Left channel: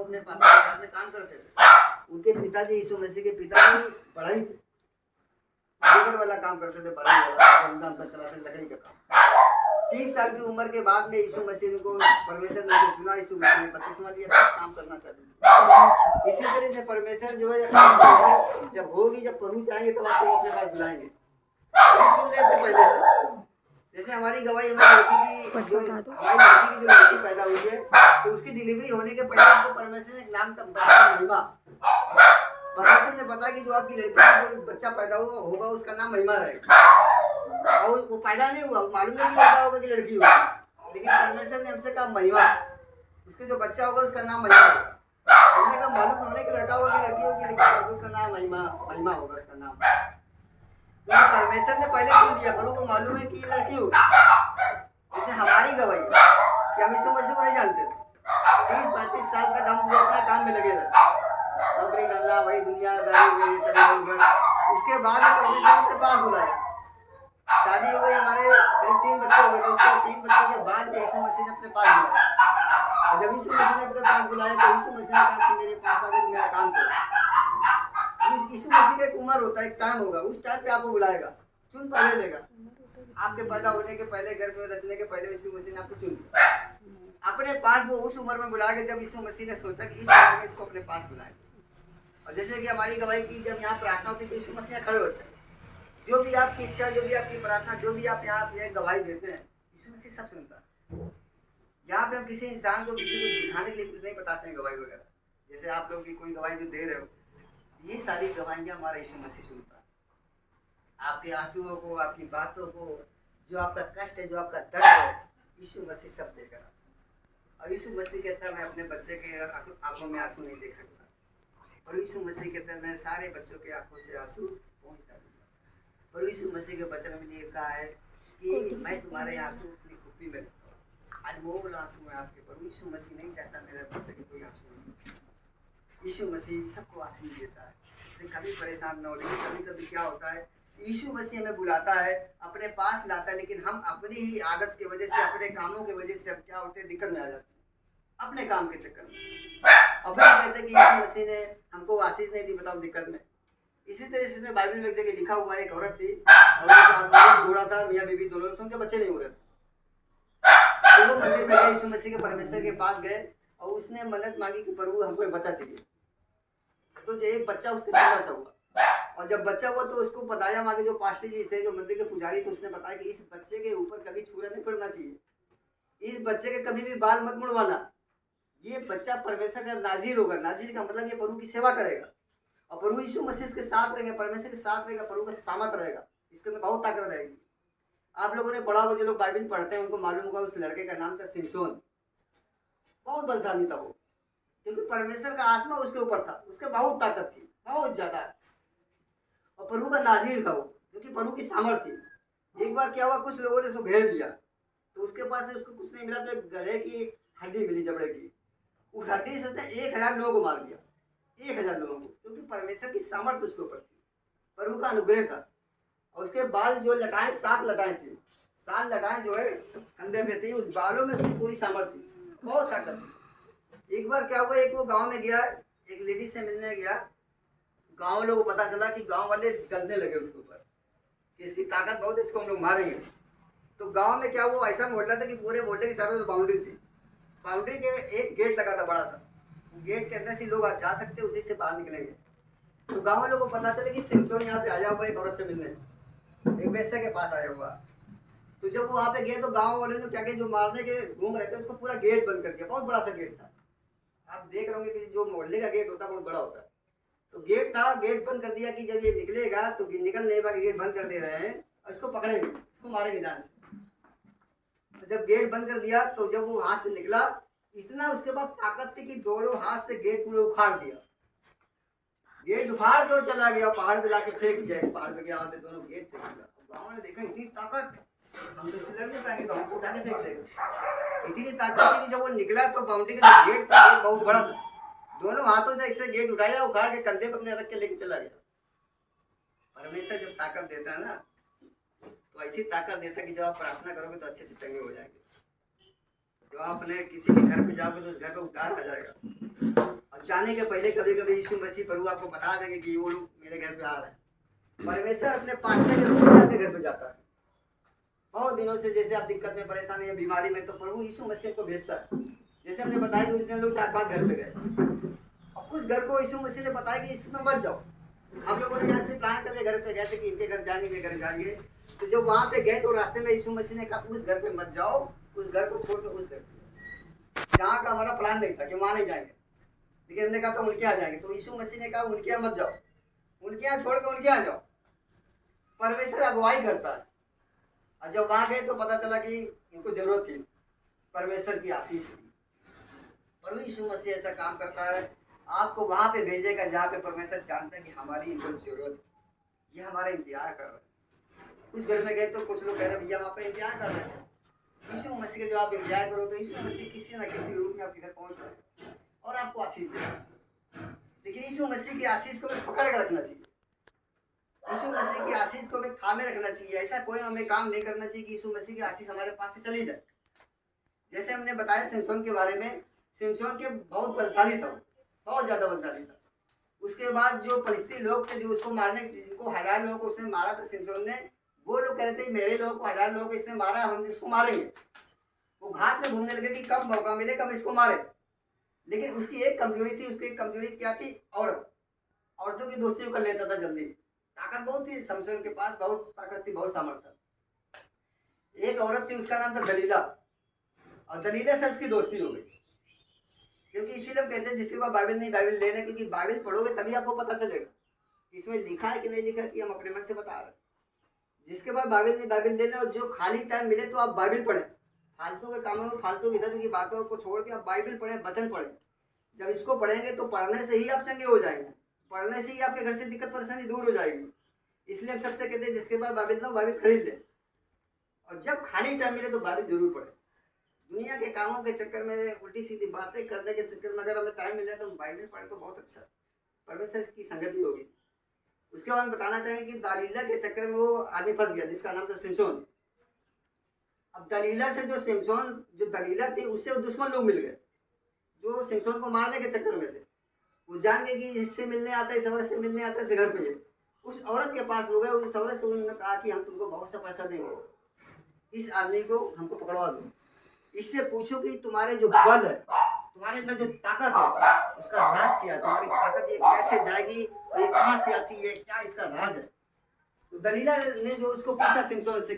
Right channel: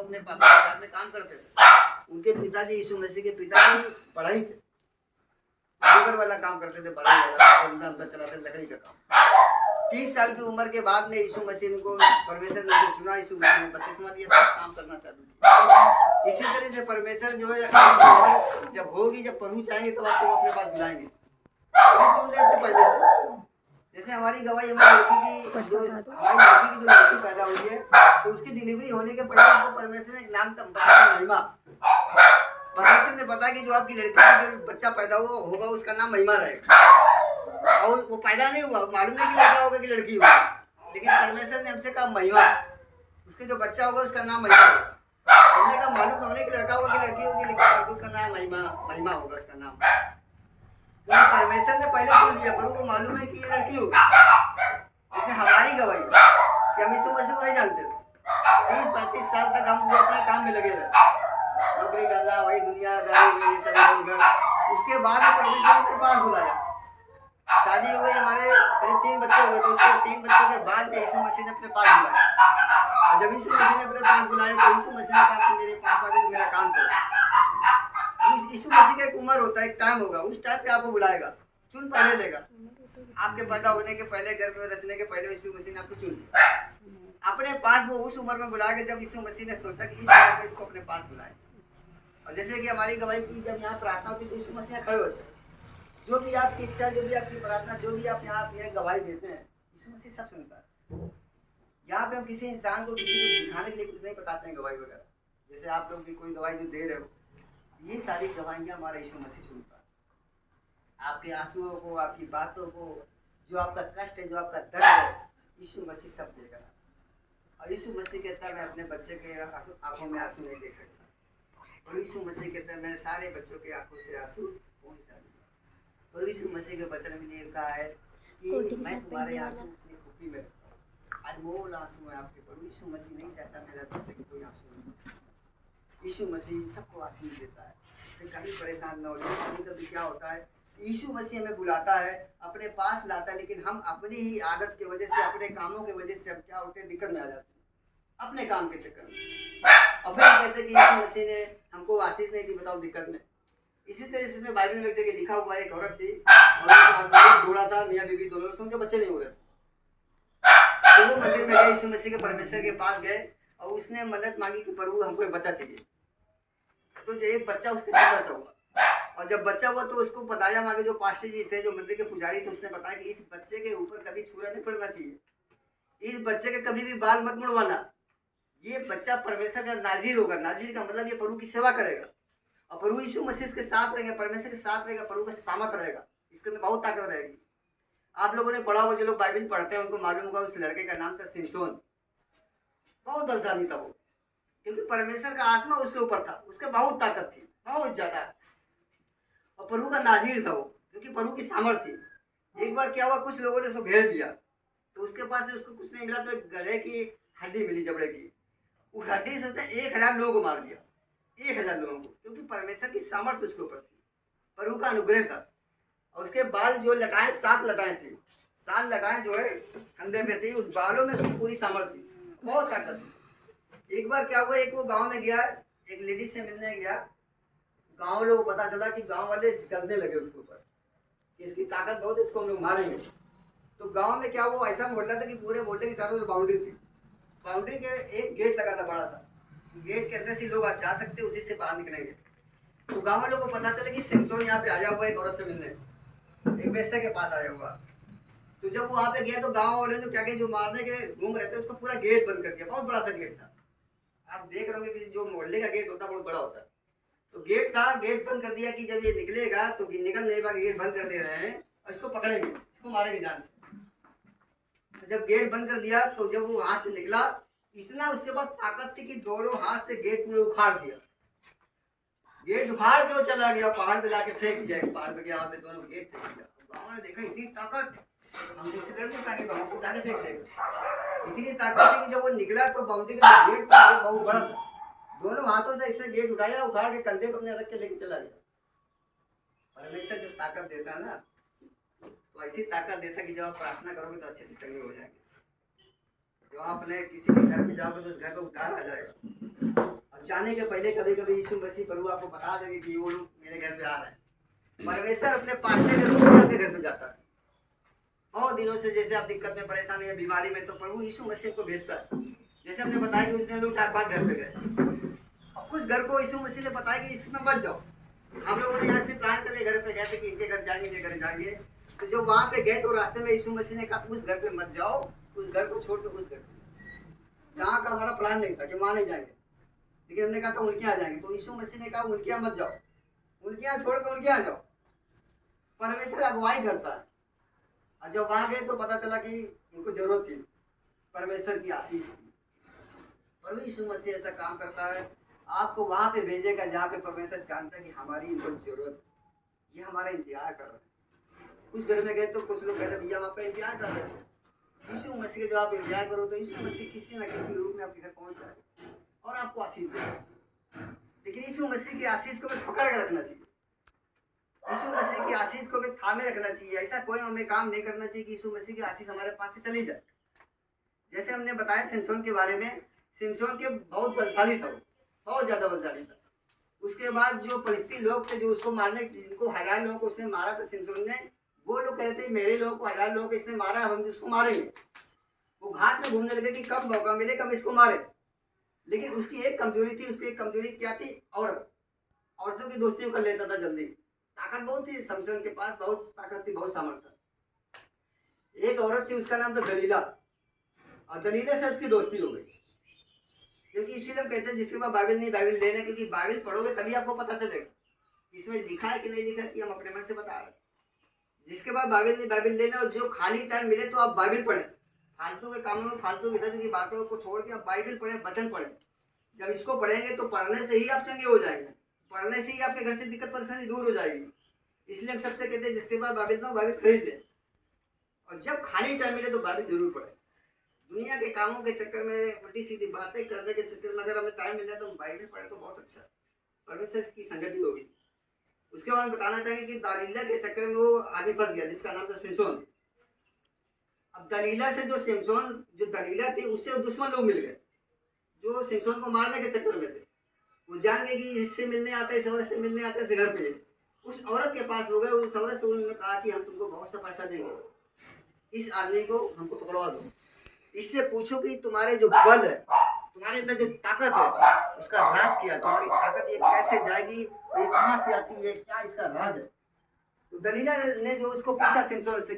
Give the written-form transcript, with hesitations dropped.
वो अपने पापा के साथ में काम करते थे। उनके पिताजी यीशु मसीह के पिताजी पढ़ाई थे, लेबर वाला काम करते थे, बढ़ई वाला, धंधा चलाते थे, लकड़ी का काम। 30 साल की उम्र के बाद में यीशु मसीह को परमेश्वर ने उनको चुना, यीशु मसीह ने बपतिस्मा लिया, तब काम करना चालू किया। इसी तरह से परमेश्वर जो है आपकी उम्र जब होगी, जब प्रभु चाहेंगे तब आपको अपने पास बुलाएंगे। तो चुन लेते पहले से। जैसे हमारी गवाही हमारी लड़की की जो लड़की पैदा हुई है, तो उसकी डिलीवरी होने के पहले हमको परमेश्वर ने नाम बताया, महिमा। परमेश्वर ने बताया कि जो आपकी लड़की की जो बच्चा पैदा होगा उसका नाम महिमा रहेगा। और वो पैदा नहीं हुआ, मालूम नहीं कि लड़का होगा कि लड़की होगा, लेकिन परमेश्वर ने हमसे कहा महिमा, उसके जो बच्चा होगा उसका नाम महिमा होगा। हमने कहा मालूम तो हमने कि लड़का होगा कि लड़की होगी, लेकिन प्रभु का नाम महिमा होगा उसका नाम। क्योंकि परमेश्वर ने पहले चुन लिया, प्रभु को मालूम है कि ये लड़की होगी। जैसे हमारी गवाही कि हम यीशु मसीह को नहीं जानते थे, 30-35 साल तक हम जो अपने काम में लगे रहे, नौकरी करना, वही दुनियादारी में ये सभी लोग। उसके बाद में परमेश्वर ने अपने पास बुलाया, शादी हो गई, हमारे करीब 3 बच्चे हो गए थे। उसके 3 बच्चों के बाद में यीशु मसीह ने अपने पास बुलाया। और जब यीशु मसीह ने अपने पास बुलाया तो यीशु मसीह ने कहा मेरे पास आके तो मेरा काम करो। यीशु मसीह का एक उम्र होता है, एक टाइम होगा, उस टाइम पे आपको बुलाएगा, चुन पहले लेगा। आपके पैदा होने के पहले, गर्भ में रचने के पहले यीशु मसीह ने आपको चुन लिया अपने पास। वो उस उम्र में बुलाया जब यीशु मसीह ने सोचा कि इस उम्र में इसको अपने पास बुलाए। और जैसे कि हमारी गवाही की जब यहाँ प्रार्थना होती है तो यीशु मसीह खड़े होते हैं। जो भी आपकी इच्छा, जो भी आपकी प्रार्थना, जो भी आप यहाँ पे गवाही देते हैं, यीशु मसीह सब सुनता है। यहाँ पे हम किसी इंसान को, किसी को दिखाने के लिए कुछ नहीं बताते हैं गवाही वगैरह। जैसे आप लोग भी कोई गवाही जो दे रहे हो, ये सारी गवाहियाँ हमारा यीशु मसीह सुनता है। आपके आंसुओं को, आपकी बातों को, जो आपका कष्ट है, जो आपका दर्द है, यीशु मसीह सब देगा। और यीशु मसीह कहता है मैं अपने बच्चे के आंखों में आंसू नहीं देख सकता, और यीशु मसीह कहता है मैं सारे बच्चों के आंखों से आंसू पहुँच डालूंगा। और यीशु मसीह के वचन में ये कहा है कि मैं तुम्हारे आंसू अपनी खुपी में रखता हूँ, अनमोल आंसू है आपके। पर यीशु मसीह नहीं चाहता मेरे बच्चे के कोई आंसू नहीं। यीशु मसीह सबको आशीष देता है, इसलिए कभी परेशान न हो। लेकिन कभी कभी क्या होता है, यीशु मसीह हमें बुलाता है, अपने पास लाता है, लेकिन हम अपनी ही आदत की वजह से, अपने कामों की वजह से हम क्या होते हैं, दिक्कत में आ जाते हैं अपने काम के चक्कर में। और फिर हम कहते हैं कि यीशु मसीह ने हमको आशीष नहीं दी, बताओ दिक्कत में। इसी तरह से इसमें बाइबल में एक जगह लिखा हुआ है, एक औरत थी और एक जोड़ा था, मियाँ बीवी दोनों, तो उनके बच्चे नहीं हो रहे थे। तो वो मंदिर में गए, यीशु मसीह के परमेश्वर के पास गए और उसने मन्नत मांगी कि प्रभु हमको एक बच्चा चाहिए। तो जो एक बच्चा उसके सुंदर सा हुआ, और जब बच्चा हुआ तो उसको बताया, मांगे जो पास्टर जी थे, जो मंदिर के पुजारी थे, उसने बताया कि इस बच्चे के ऊपर कभी छुरा नहीं पड़ना चाहिए, इस बच्चे के कभी भी बाल मत मुड़वाना, ये बच्चा परमेश्वर का नाजीर होगा। नाजीर का मतलब ये प्रभु की सेवा करेगा, और प्रभु यीशु मसीह के साथ रहेंगे, परमेश्वर के साथ रहेगा, प्रभु का सामर्थ रहेगा, इसके अंदर बहुत ताकत रहेगी। आप लोगों ने पढ़ा होगा, जो लोग बाइबल पढ़ते हैं उनको मालूम होगा, उस लड़के का नाम था सिमसोन। बहुत बलशाली था वो, क्योंकि परमेश्वर का आत्मा उसके ऊपर था, उसके बहुत ताकत थी, बहुत ज्यादा। और प्रभु का नाजीर था वो, क्योंकि प्रभु की सामर्थ थी। एक बार क्या हुआ, कुछ लोगों ने उसको घेर लिया, तो उसके पास से उसको कुछ नहीं मिला, तो एक गधे की हड्डी मिली, जबड़े की। उस हड्डी से उसने 1000 लोगों को मार दिया, 1000 लोगों को, क्योंकि परमेश्वर की सामर्थ उसके ऊपर थी, प्रभु का अनुग्रह था। और उसके बाल जो लटाएं, 7 लटाएं थी, 7 लटाएं जो है कंधे पे थी, उस बालों में उसकी पूरी सामर्थ थी, बहुत ताकत थी। एक बार क्या हुआ, एक वो गांव में गया, एक लेडीज से मिलने गया, गांव लोगों को पता चला कि गांव वाले जलने लगे उसके ऊपर, इसकी ताकत बहुत है, इसको हम लोग मारेंगे। तो गांव में क्या हुआ, ऐसा मोहल्ला था कि पूरे मोहल्ले के चारों तरफ बाउंड्री थी, बाउंड्री के एक गेट लगा था बड़ा सा, गेट के अंदर से लोग जा सकते, उसी से बाहर निकलेंगे। तो गांव वालों को पता चला कि सिमसोन यहाँ पे आया हुआ है, एक औरत से मिलने, एक वेश्या के पास आया हुआ। तो जब वो वहाँ पे गया तो गांव वाले ने क्या किया, जो मारने के घूम रहे थे उसको पूरा गेट बंद कर दिया, बहुत बड़ा सा गेट था। आप देख रहे होंगे कि जो मोहल्ले का गेट होता है बहुत बड़ा होता है, तो गेट था, गेट बंद कर दिया कि जब ये निकलेगा तो निकल नहीं पाएगा, गेट बंद कर दे रहे हैं और इसको पकड़ेंगे, इसको मारेंगे जान से। तो जब गेट बंद कर दिया तो जब वो हाथ से निकला, इतना उसके बाद ताकत थी कि दोनों हाथ से गेट पूरे उखाड़ दिया, गेट उखाड़ के चला गया, पहाड़ पे लाके फेंक दिया, पहाड़ पे गया, वहाँ पे दोनों गेट फेंक दिया। गाँव ने देखा इतनी ताकत, हम तो इससे लड़ नहीं पाएंगे, गाँव को उठा के फेंक देगा, इतनी ताकत थी कि जब वो निकला तो बाउंड्री का जो गेट था गेट बहुत बड़ा था, दोनों हाथों से इससे गेट उठाया, उखाड़ के कंधे पर अपने रख के लेके चला गया। परमेश्वर जब ताकत देता है ना, तो ऐसी ताकत देता है कि जब आप प्रार्थना करोगे तो अच्छे से चंगे हो जाएंगे। जब आप अपने किसी के घर पे जाओगे तो उस घर पे उद्धार आ जाएगा। और जाने के पहले कभी कभी यीशु मसीह प्रभु आपको बता देंगे कि वो लोग मेरे घर पे आ रहे हैं। परमेश्वर अपने पास्टर के रूप में आपके घर पे जाता है। बहुत दिनों से जैसे आप दिक्कत में, परेशानी या बीमारी में, तो प्रभु यीशु मसीह को भेजता है। जैसे हमने बताया कि उस दिन लोग 4-5 घर पे गए, और कुछ घर को यीशु मसीह ने बताया कि इसमें मत जाओ। हम लोगों ने यहाँ से प्लान करके घर पे गए थे कि इनके घर जाएंगे, इनके घर जाएंगे। तो जब वहाँ पे गए तो रास्ते में यीशु मसीह ने कहा उस घर पे मत जाओ, उस घर को छोड़कर उस घर पे जाओ। जहाँ का हमारा प्लान नहीं था कि वहाँ नहीं जाएंगे, लेकिन हमने कहा था उनके यहाँ जाएंगे। तो यीशु मसीह ने कहा उनके यहाँ मत जाओ, उनके यहाँ छोड़कर उनके यहाँ जाओ। परमेश्वर अगुवाई करता है। और जब वहाँ गए तो पता चला कि इनको जरूरत थी परमेश्वर की आशीष की। प्रभु यीशु मसीह ऐसा काम करता है, आपको वहाँ पे भेजेगा जहाँ पे परमेश्वर जानता है कि हमारी इनको जरूरत है, ये हमारा इंतजार कर रहे हैं। कुछ घर में गए तो कुछ लोग कह रहे भैया हम आपका इंतजार कर रहे थे। यीशु मसीह का जब आप इंतजार करो तो यीशु मसीह किसी न किसी रूप में आपके घर पहुँच जाएगा और आपको आशीष देगा। लेकिन यीशु मसीह की आशीष को हमें पकड़ कर रखना चाहिए। यीशु मसीह की आशीष को हमें थामे रखना चाहिए। ऐसा कोई हमें काम नहीं करना चाहिए कि यीशु मसीह की आशीष हमारे पास से चली जाए। जैसे हमने बताया सिमसोन के बारे में, सिमसोन के बहुत बलशाली था, बहुत ज़्यादा बलशाली था। उसके बाद जो फलिस्ती लोग थे जो उसको मारने, जिनको 1000 लोगों को उसने मारा था सिमसोन ने, वो लोग कह रहे थे मेरे लोगों को 1000 लोगों को इसने मारा, हम उसको मारेंगे। वो घाट में घूमने लगे कि कब मौका मिले कब इसको मारे। लेकिन उसकी एक कमजोरी थी, उसकी एक कमजोरी क्या थी? औरतों की दोस्ती कर लेता था जल्दी। ताकत बहुत थी सिमसोन के पास, बहुत ताकत थी, बहुत सामर्थ्य। एक औरत थी, उसका नाम था दलीला, और दलीला से उसकी दोस्ती हो गई। क्योंकि इसीलिए हम कहते हैं जिसके पास बाइबल नहीं बाइबल लेना, क्योंकि बाइबल पढ़ोगे तभी आपको पता चलेगा इसमें लिखा है कि नहीं लिखा, कि हम अपने मन से बता रहे हैं। जिसके पास बाइबल नहीं बाइबल लेना, और जो खाली टाइम मिले तो आप बाइबल पढ़ें। फालतू के कामों में, फालतू इधर की बातों को छोड़ के आप बाइबल पढ़ें, वचन पढ़ें। जब इसको पढ़ेंगे तो पढ़ने से ही आप चंगे हो जाएंगे, पढ़ने से ही आपके घर से दिक्कत परेशानी दूर हो जाएगी। इसलिए हम सबसे कहते हैं जिसके पास बाइबल ना बाइबल खरीद ले, और जब खाली टाइम मिले तो बाइबल जरूर पढ़े। दुनिया के कामों के चक्कर में, उल्टी सीधी बातें करने के चक्कर में अगर हमें टाइम मिल जाए तो हम बाइबल पढ़े तो बहुत अच्छा, परमेश्वर की संगति होगी। उसके बाद बताना चाहेंगे कि दलीला के चक्कर में वो आदमी फंस गया जिसका नाम था सिमसोन। अब दलीला से जो सिमसोन, जो दलीला थी उससे वो दुश्मन लोग मिल गए जो सिमसोन को मारने के चक्कर में थे। वो जान गए कि इससे मिलने आता है, इस औरत से मिलने आता है, इस घर पे। उस औरत के पास हो गए, उस औरत से उन्होंने कहा कि हम तुमको बहुत सा पैसा देंगे, इस आदमी को हमको पकड़वा दो, इससे पूछो कि तुम्हारे जो बल है, तुम्हारे अंदर जो ताकत है, उसका राज क्या है, तुम्हारी ताकत ये कैसे जाएगी, ये कहाँ से आती है, क्या इसका राज है। तो दलीला ने जो उसको पूछा सिमसोन से